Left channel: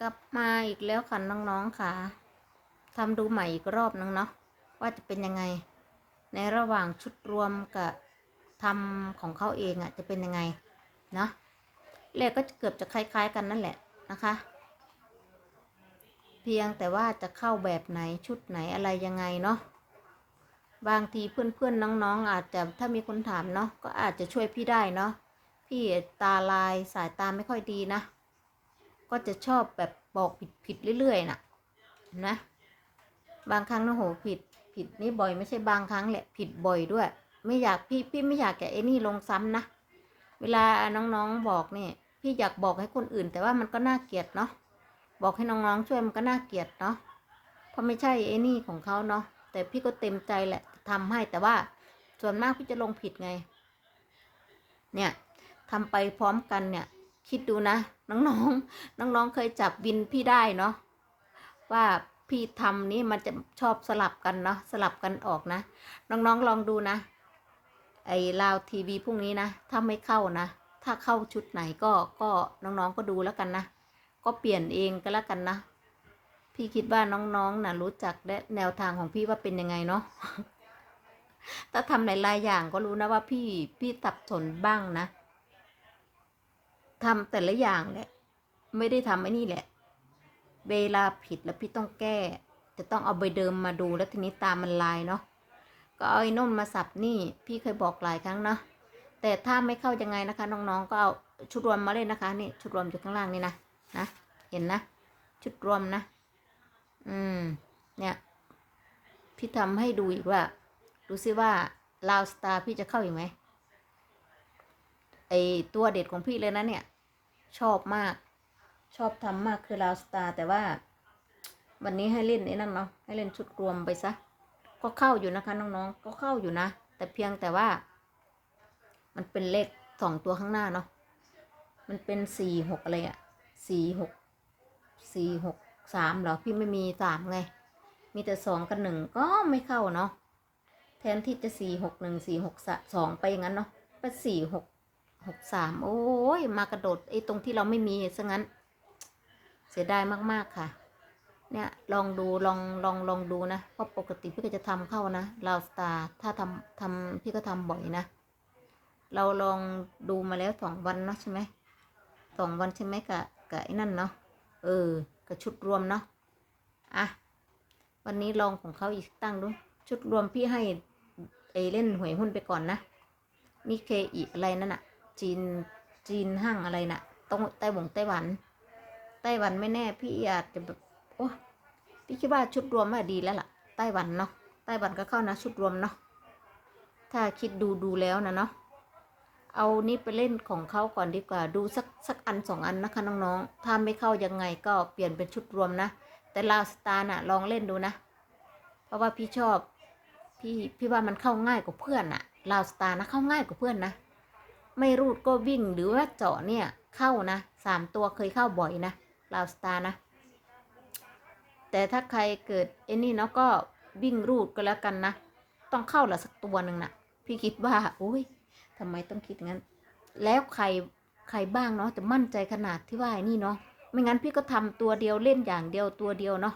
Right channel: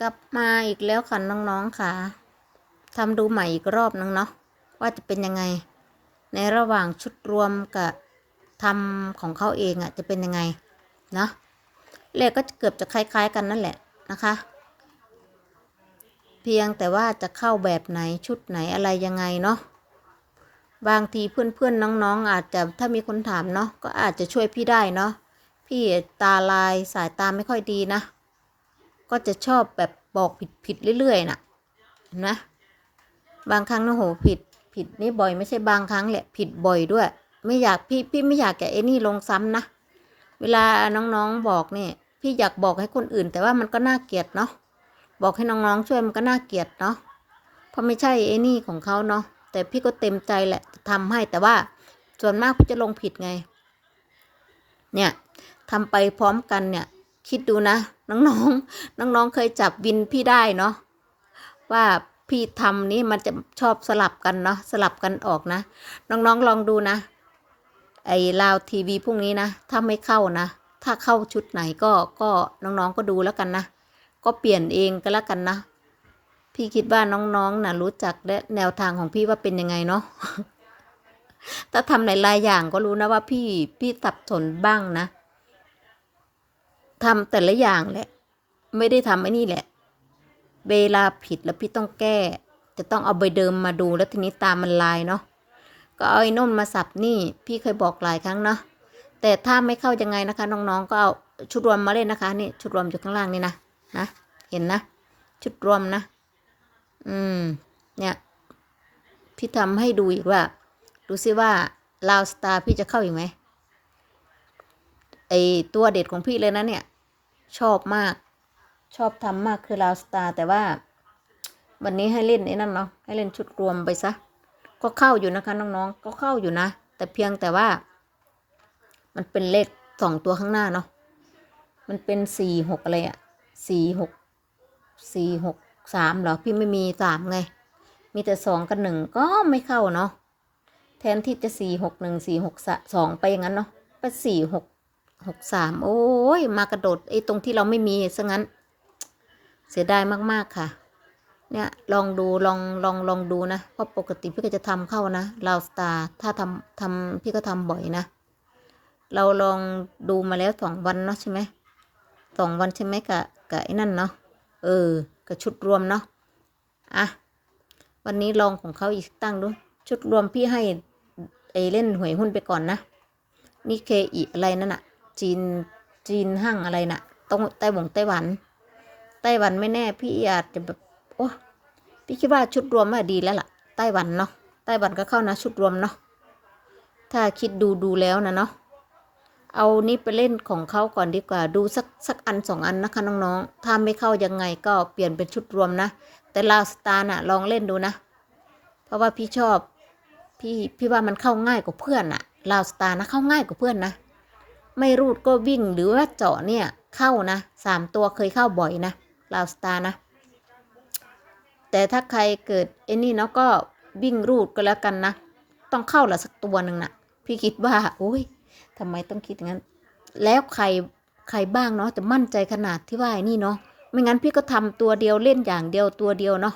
กลับมาอีกแล้วค่ะน้องๆค่ะทำดูใหม่อีกรอบนึงเนาะว่าจะเป็นยังไง ในระหว่างชุดรวมกับทำของเขาเองอะ่ะจะเป็นยังไงเนาะเลขก็เกือบจะคล้ายๆกันนั่นแหละนะคะ เพียงแต่ว่าจะเข้าแบบไหนชุดไหนอะไรยังไงเนาะบางทีเพื่อนๆน้องๆ อาจจะถ้ามีคนถามเนาะก็อาจจะช่วยพี่ได้เนาะพี่ตาลายสายตาไม่ค่อยดีนะ ก็จะชอบแบบบอกผิดผิดเรื่อยๆน่ะนไหมบางครั้งนะโหผิดผิดนี่บ่อยไม่ใช่บางครั้งแหละผิดบ่อยด้วย ไม่อยากพี่พี่ไม่อยากแกไอ้นี่ลงซ้ำนะเวลาน้องๆบอกเนี่ยพี่อยากบอกให้คนอื่น แต่ว่ามันก็น่าเกลียดเนาะบอกให้น้องๆช่วยมันก็น่าเกลียดเนาะเพราะไม่ใช่ไอ้นี่ของเขาเนาะแต่พี่ก็เต็มใจแหละทำให้แต่ว่าส่วนมากพี่จะลงผิดไง เนี่ยทำไปพร้อมกันเนี่ย คิดดูนะ น้องๆ น้องๆ เคยจับวินพี่ได้เนาะว่าพี่ทำนี้มันจะชอบสลับกันเนาะสลับกันออกนะ น้องๆลองดูนะ ไอ้ลาวทีวีพรุ่งนี้นะ ถ้าไม่เข้านะ ถ้าเข้าชุดไหนก็ก็น้องๆก็ดูแล้วกันนะ ก็เปลี่ยนเองก็แล้วกันนะ พี่คิดว่าน้องๆนะรู้จักและแนวทางของพี่ว่าเป็นยังไงเนาะถ้าทำหลายๆอย่างก็รู้นะว่าพี่พี่สับสนบ้างนะ ทำแต่ละอย่างแหละ ไม่ได้ทำไอ้นี่แหละ เวลาผิดแล้วพี่ต้องแก้ จะต้องเอาใบเดิมมาดูแล้วทีนี้ตามมันลายเนาะก็เอาไอ้นนมาสับนี่ พี่เคยบอกหลายครั้งเนาะแต่ถ้าไม่เข้ายังไงนะคะ น้องๆก็เอาชุดรวมมาเล่นนะคะนี่ชุดรวมอยู่ข้างล่างนี่นะนะเห็นนะ ชุดรวมนะ อืม เนี่ยพี่ทำให้ดูอีกว่า ดูซิว่าลาวสตาร์พี่จะเข้าอีกไหมไอตัวเด็ดของพี่เลยนะเนี่ย ชอบมาก ชอบทำมากคือลาวสตาร์แต่ว่า วันนี้ให้เล่นไอ้นั่นเนาะให้เล่นชุดรวมไปซะ ก็เข้าอยู่นะคะน้องๆ ก็เข้าอยู่นะ แต่เพียงแต่ว่า มันเป็นเลขสองตัวข้างหน้าเนาะมันเป็นสี่หกอะไรอะสี่หกสี่หกสามเหรอพี่ไม่มีสามไง มีแต่สองกับหนึ่งก็ไม่เข้าเนาะแทนที่จะสี่หกหนึ่งสี่หกสองไปอย่างนั้นเนาะไปสี่หก หกสามโอ้ยมากระโดดไอ้ตรงที่เราไม่มีซะงั้น เสียดายมากๆค่ะ เนี่ยลองดูลองลองลองดูนะเพราะปกติพี่ก็จะทำเข้านะลาวสตาร์ถ้าทำทำพี่ก็ทำบ่อยนะ เราลองดูมาแล้วสองวันเนาะใช่ไหมสองวันใช่ไหมกะกะไอ้นั่นเนาะเออกับชุดรวมเนาะอะวันนี้ลองของเขาอีกตั้งดู ชุดรวมพี่ให้ไอเล่นหวยหุ้นไปก่อนนะ นี่เคอีอะไรนั่นอะ จีนจีนห้างอะไรน่ะต้องไต้หวงไต้หวัน ไต้หวันไม่แน่ พี่อาจจะแบบโอ้พี่คิดว่าชุดรวมอะดีแล้วล่ะ ไต้หวันเนาะไต้หวันก็เข้านะชุดรวมเนาะถ้าคิดดูดูแล้วนะเนาะเอานี่ไปเล่นของเขาก่อนดีกว่า ดูสักสักอันสองอันนะคะน้องๆ ถ้าไม่เข้ายังไงก็เปลี่ยนเป็นชุดรวมนะ แต่ลาวสตาร์น่ะลองเล่นดูนะ เพราะว่าพี่ชอบ พี่พี่ว่ามันเข้าง่ายกว่าเพื่อนอะลาวสตาร์นะเข้าง่ายกว่าเพื่อนนะ ไม่รูดก็วิ่งหรือว่าเจาะเนี่ยเข้านะสามตัวเคยเข้าบ่อยนะลาวสตาร์นะ แต่ถ้าใครเกิดไอ้นี่เนาะก็วิ่งรูดก็แล้วกันนะ ต้องเข้าละสักตัวหนึ่งนะพี่คิดว่าโอ้ยทำไมต้องคิดอย่างนั้น แล้วใครใครบ้างเนาะจะมั่นใจขนาดที่ว่าไอ้นี่เนาะไม่งั้นพี่ก็ทำตัวเดียวเล่นอย่างเดียวตัวเดียวเนาะ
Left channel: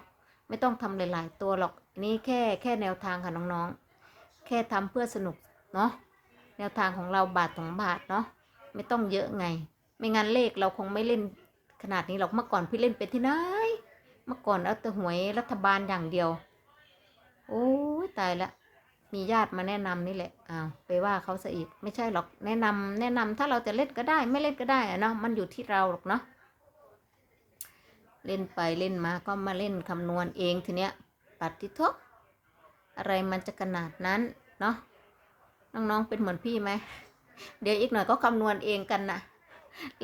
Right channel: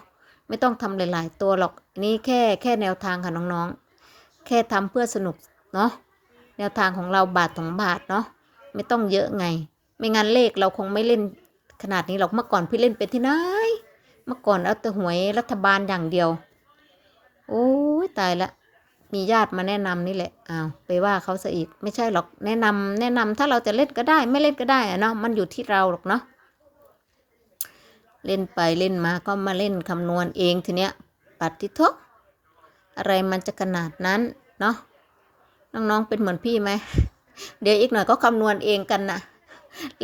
ไม่ต้องทำหลาย ๆ ตัวหรอกนนี่แค่แค่แนวทางค่ะน้องๆ แค่ทำเพื่อสนุกเนาะ แนวทางของเราบาทสองบาทเนาะไม่ต้องเยอะไง ไม่งั้นเลขเราคงไม่เล่นขนาดนี้หรอกเมื่อก่อนพี่เล่นเป็นที่ไหนเมื่อก่อนเอาแต่หวยรัฐบาลอย่างเดียว โอ้ยตายละมีญาติมาแนะนำนี่แหละอ้าวไปว่าเขาซะอีกไม่ใช่หรอกแนะนำแนะนำถ้าเราจะเล่นก็ได้ ไม่เล่นก็ได้อะเนาะมันอยู่ที่เราหรอกเนาะเล่นไปเล่นมาก็มาเล่นคำนวณเองทีเนี้ยปัดทิทกอะไรมันจะขนาดนั้นเนาะ น้องๆเป็นเหมือนพี่ไหมเดี๋ยวอีกหน่อยก็คำนวณเองกันนะ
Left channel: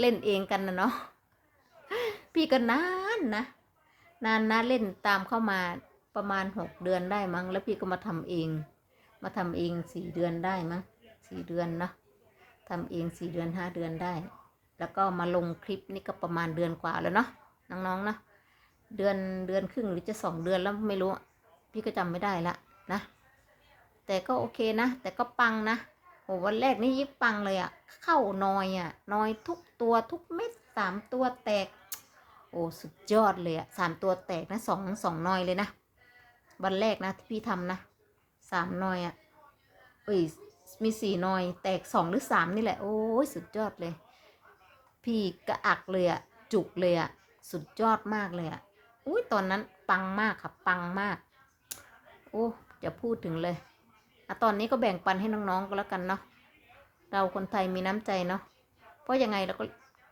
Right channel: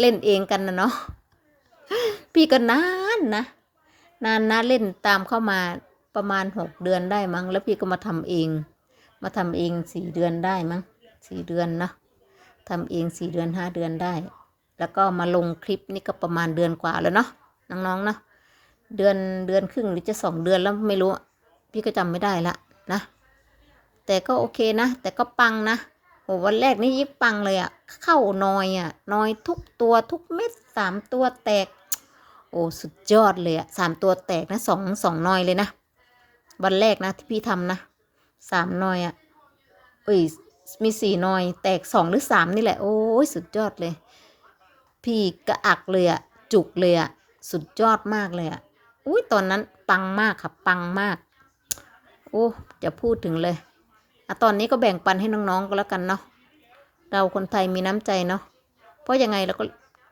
เล่นเองกันนะเนาะพี่ก็นานนะนานนะเล่นตามเข้ามาประมาณหกเดือนได้มั้ง แล้วพี่ก็มาทำเอง มาทำเองสี่เดือนได้มั้งสี่เดือนเนาะทำเองสี่เดือนห้าเดือนได้ แล้วก็มาลงคลิปนี่ก็ประมาณเดือนกว่าแล้วเนาะน้องๆเนาะเดือนเดือนครึ่งหรือจะสองเดือนแล้วไม่รู้ พี่ก็จำไม่ได้ละนะ แต่ก็โอเคนะ แต่ก็ปังนะโหวันแรกนี่ยิ่งปังเลยอะ่ะ เข้านอยอะ่ะนอยทุกตัวทุกเม็ดสามตัวแตก โอ้สุดยอดเลยอะสามตัวแตกนะสองสองนอยเลยนะ วันแรกนะที่พี่ทำนะสามนอยอะเอ้ยมีสี่นอย แตกสองหรือสามนี่แหละโอ้ยสุดยอดเลย พี่กระอักเลยอะจุกเลยอะสุดยอดมากเลยอะอุ้ยตอนนั้นปังมากค่ะปังมาก โอ้จะพูดถึงเลย อะตอนนี้ก็แบ่งปันให้น้องๆก็แล้วกันเนาะเราคนไทยมีน้ำใจเนาะเพราะยังไงเราก็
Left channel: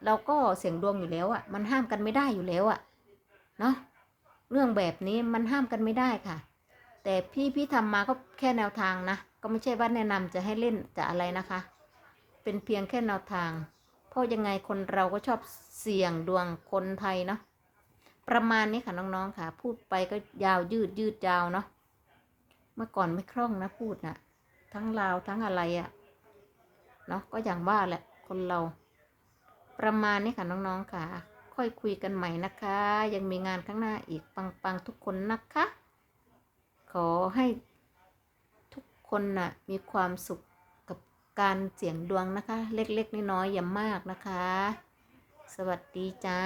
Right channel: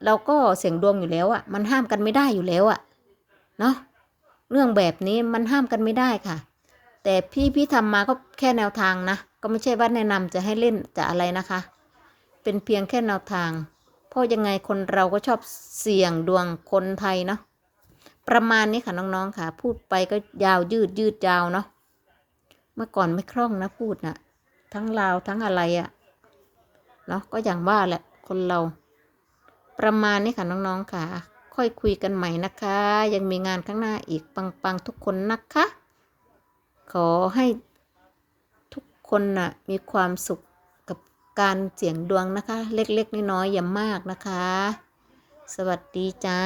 เราก็เสียงดวงอยู่แล้วอะมันห้ามกันไม่ได้อยู่แล้วอะเนาะเรื่องแบบนี้มันห้ามกันไม่ได้ค่ะ แต่พี่พี่ทำมาก็แค่แนวทางนะก็ไม่ใช่ว่าแนะนำจะให้เล่นจะอะไรนะคะ เป็นเพียงแค่แนวทาง เพราะยังไงคนเราก็ชอบเสี่ยงดวงคนไทยเนาะประมาณนี้ค่ะน้องๆค่ะ พูดไปก็ยาวยืดยืดยาวเนาะ มื่อก่อนไม่คล่องนะพูดนะทั้งลาวทั้งอะไรอะเนาะก็อย่างว่าแหละคนเรา ประมาณนี้ค่ะน้องๆค่ะ ค่อยคุยกันใหม่นะคะ ยังมีงานข้างหน้าอีกปังๆทุกคนนะคะ ขอให้ทุกคนน่ะมีความสุขกับการเสี่ยงดวงนะคะ เล็กๆน้อยๆอย่ามากนะคะ สวัสดีจ้า